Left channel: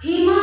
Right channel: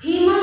He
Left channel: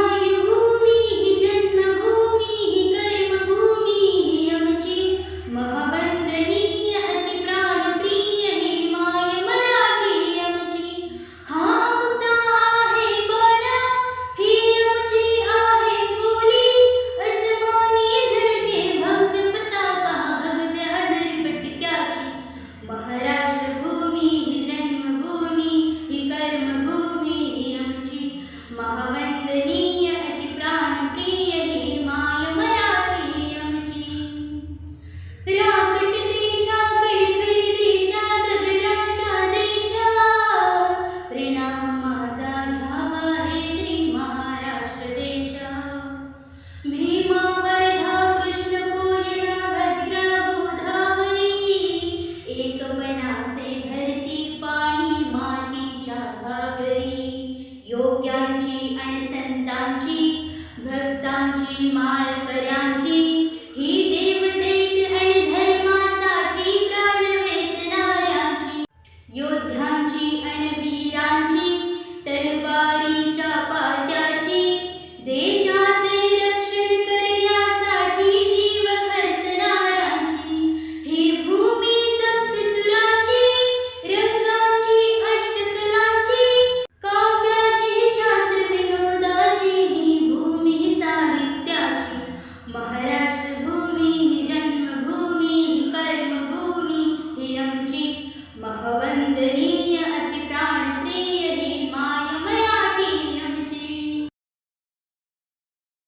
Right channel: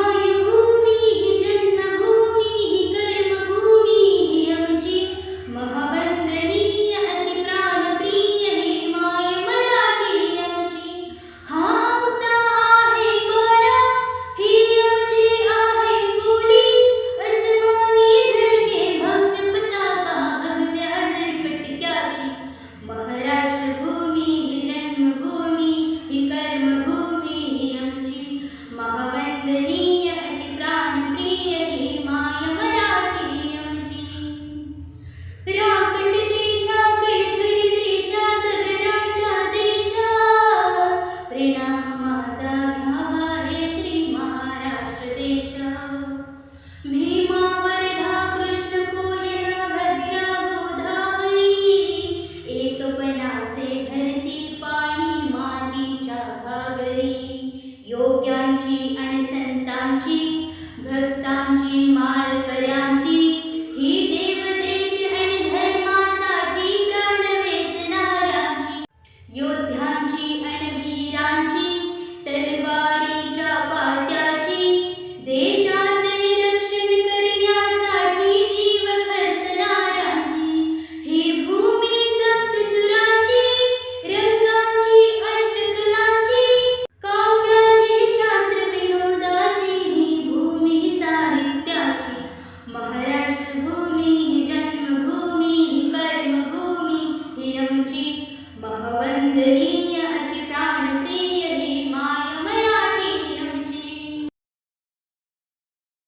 आवरी योग्यांची आणि संतांची, भक्तांची, माळकऱ्यांची, ही देव देश आणि धर्मासाठी प्राण वेचणाऱ्यांची, योद्ध्यांची आणि वीरांची ज़िंदगी